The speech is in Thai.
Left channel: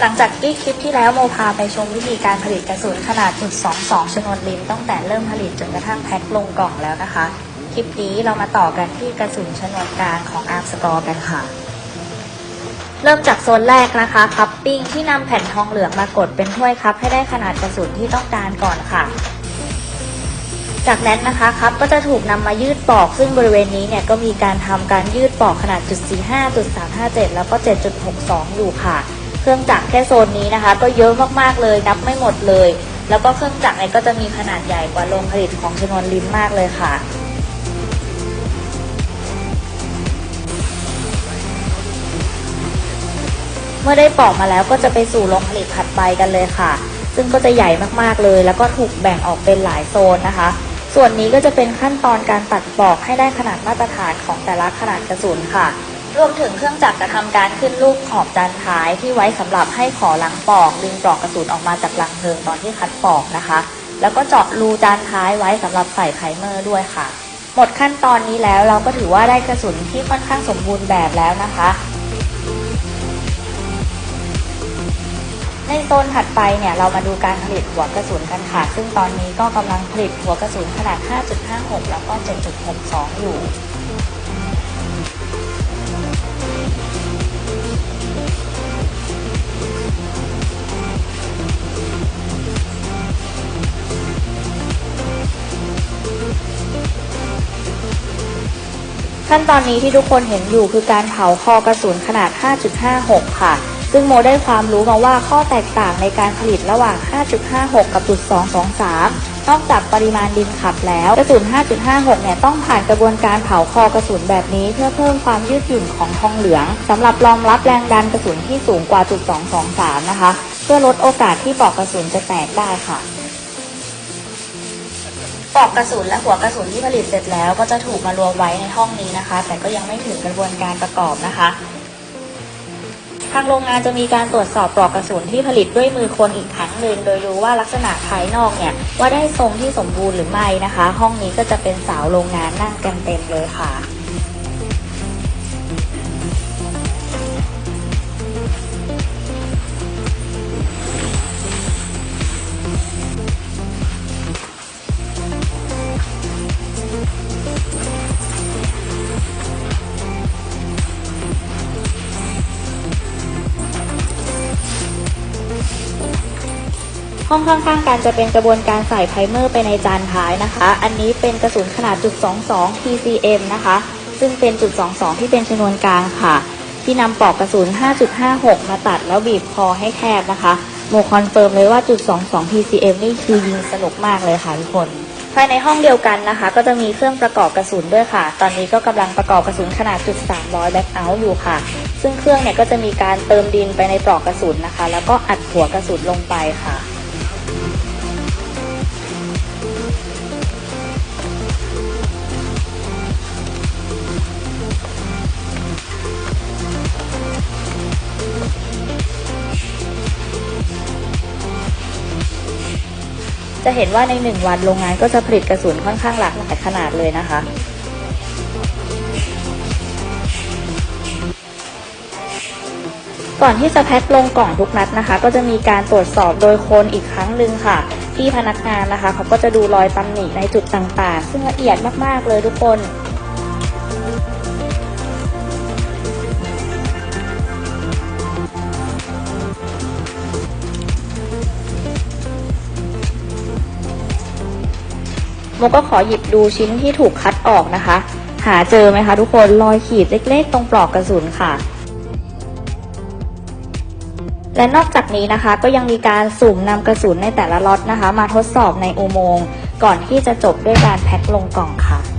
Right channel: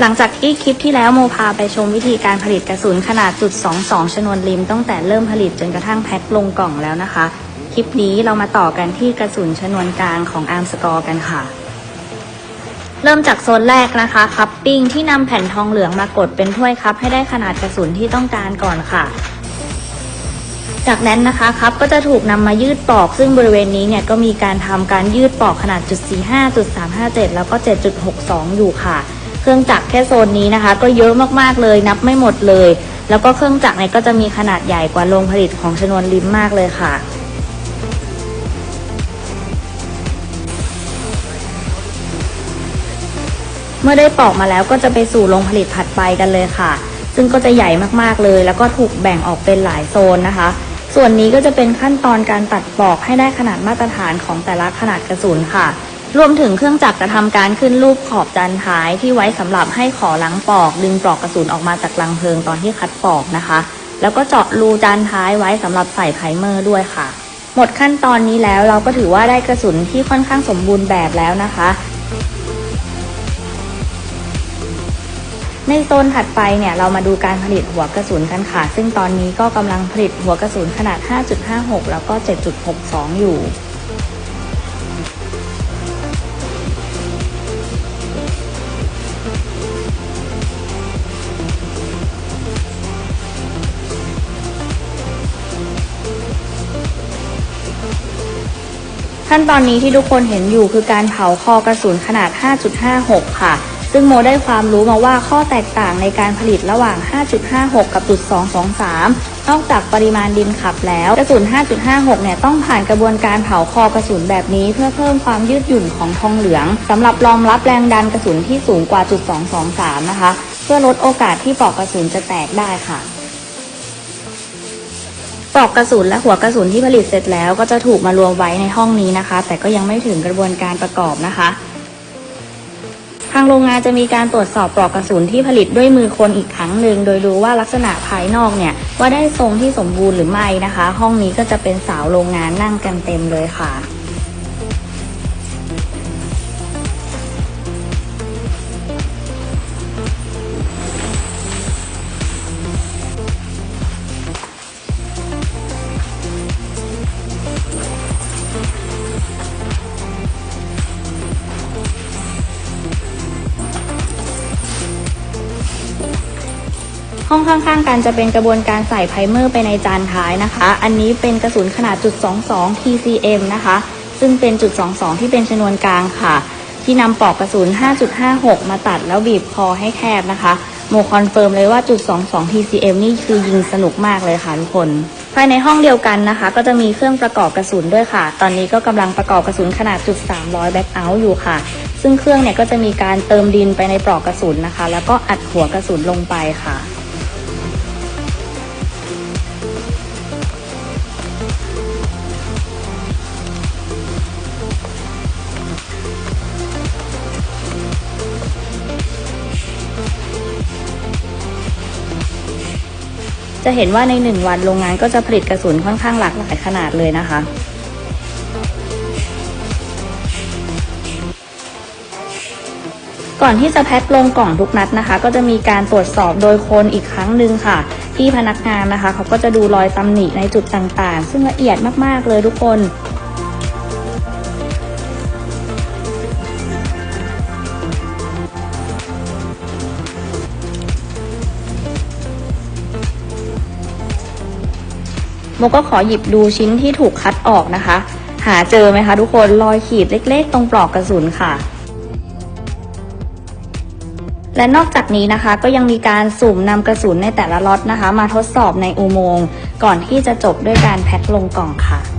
หลังจากที่คลิปที่แล้วโมพาไปชมวิธีการผลิตกระสุนขนาดจุด22ชนวนริมตั้งแต่เริ่มผลิตจนกระทั่งแพ็คลงกล่องแล้วนะคะ คลิปนี้เรามาต่อกันที่กระสุนชนวนกลางของอันสกอร์กันค่ะเริ่มจากโซนแรกนะคะคัพปิ้งที่นำแผ่นทองเหลืองมากดเป็นถ้วยคัพให้ได้ขนาดกระสุนที่ต้องการก่อนค่ะจากนั้นนะคะคัพก็จะถูกนำมายืดปลอก ซึ่งบริเวณนี้เนี่ยก็มีการทำการยืดปลอกขนาดจุด45จุด357 แล้วก็ 7.62 อยู่ค่ะ เครื่องจักรแค่โซนนี้นะคะ ก็เยอะมากๆเลยนับไม่หมดเลย แล้วก็เครื่องจักรเนี่ยก็จะมีขนาดใหญ่กว่าโรงผลิตของชนวนลิ้นมากเลยค่ะเมื่อได้ปอกมาแล้วก็จะไปสู่โรงผลิตผัดไปกันเลยค่ะ ซึ่งก็จะใหญ่มากๆเลย แล้วก็ถูกแบ่งออกเป็นหลายโซนนะคะ ส่วนนี้ก็จะเป็นขั้นตอนการตัดปอกให้ได้ขนาดมาตรฐานของแต่ละขนาดกระสุนค่ะ รวมถึงเครื่องจักรจะทำการขึ้นลูกขอบจานท้ายที่ไว้สำหรับให้ขอล้างปอกดึงปลอกกระสุนออกมาจากลังเพลิงตอนที่คัดปอกนะคะ แล้วก็เจาะรูจานท้ายไว้สำหรับใส่ไพรเมอร์ด้วยค่ะ หมดขั้นตอนนี้แล้วเราก็ถือว่าได้กระสุนที่ค่อนข้างสมบูรณ์แบบแล้วนะคะในโซนถัดไปเนี่ยเรามาดูการผลิตหัวกระสุนกันค่ะ ซึ่งตอนนี้ก็กำลังผลิตหัวกระสุนขนาด 5.56 แล้วก็ 7.62 อยู่ นี้ที่ทุกคนเห็นอยู่คือการเผาคอกระสุนขนาด 5.56 ค่ะ ซึ่งโมได้ความรู้มาว่าข้อแตกต่างในการผลิตระหว่าง 5.56 กับจุด223นอกจากปริมาณดินขับแล้ว กระสุน 5.56 เนี่ยต้องผ่านกระบวนการเผาคอกระสุนแบบนี้เพื่อเพิ่มความยืดหยุ่นของทองเหลืองสำหรับรองรับแรงดันกระสุนที่สูงกว่าจุด223 นะคะ เพื่อลดโอกาสที่ปลอกกระสุนจะแตกได้ค่ะ ปลอกกระสุนและหัวกระสุนที่ผลิตเสร็จแล้ว ก็จะถูกมารวมไว้ในห้องนี้นะคะ แต่ก็ยังไม่ถึงกระบวนการประกอบนะคะทางโรงงานจะมีการตรวจสอบปลอกกระสุนที่ผลิตด้วยมือคนอีกครั้งหนึ่งโดยดูว่าลักษณะภายนอกเนี่ยว่าได้ทรงที่สมบูรณ์หรือไม่นะคะ ห้องนี้ก็จะเป็นสาวโรงงานนั่งกันเต็มเลยค่ะ ห้องข้างๆกันจะเป็นกระบวนการใส่ไพรเมอร์ไปในจานท้ายนะคะ อันนี้เป็นกระสุนขนาดจุด22 TCM นะคะ ซึ่งเป็นจุด22 ที่เป็นชนวนกลางค่ะ ที่นำปลอกกระสุน 5.56 มาตัดแล้วบีบคอให้แคบนะคะโมคอนเฟิร์มเลยว่าจุด22 TCM นี่คือยิงสนุกมากเลยค่ะทุกคนภายในห้องเดียวกันนะคะ ก็จะมีเครื่องประกอบกระสุนด้วยค่ะ ตอนนี้ก็กำลังประกอบกระสุนขนาดจุด300แบ็คเอาท์อยู่ค่ะ ซึ่งเครื่องเนี่ยก็จะมีการเติมดินไปในปลอกกระสุนนะคะ แล้วก็อัดหัวกระสุนลงไปค่ะ จะเห็นว่าในหนึ่งวันโรงงานก็จะผลิตกระสุนค่อนข้างหลากหลายขนาดเลยนะคะ ก่อนที่จะแพ็คลงกล่องทุกนัดนะคะ ก็จะมีการตรวจสอบโดยคนอีกครั้งหนึ่งค่ะที่พนักงานนะคะเขาก็จะดูรอยตำหนิในจุดต่างๆ ซึ่งละเอียดมากๆเลยทุกคนแล้วก็ขอหยิบดูชิ้นที่ถูกคัดออกนะคะ หาเจอไหมคะทุกคนรอยขีดเล็ก ๆ ตรงปลอกกระสุนค่ะ และนอกจากนี้นะคะก็ยังมีการสุ่มนำกระสุนในแต่ละล็อตนะคะ มาทดสอบในอุโมงค์ก่อนที่จะจบด้วยการแพ็คลงกล่องค่ะ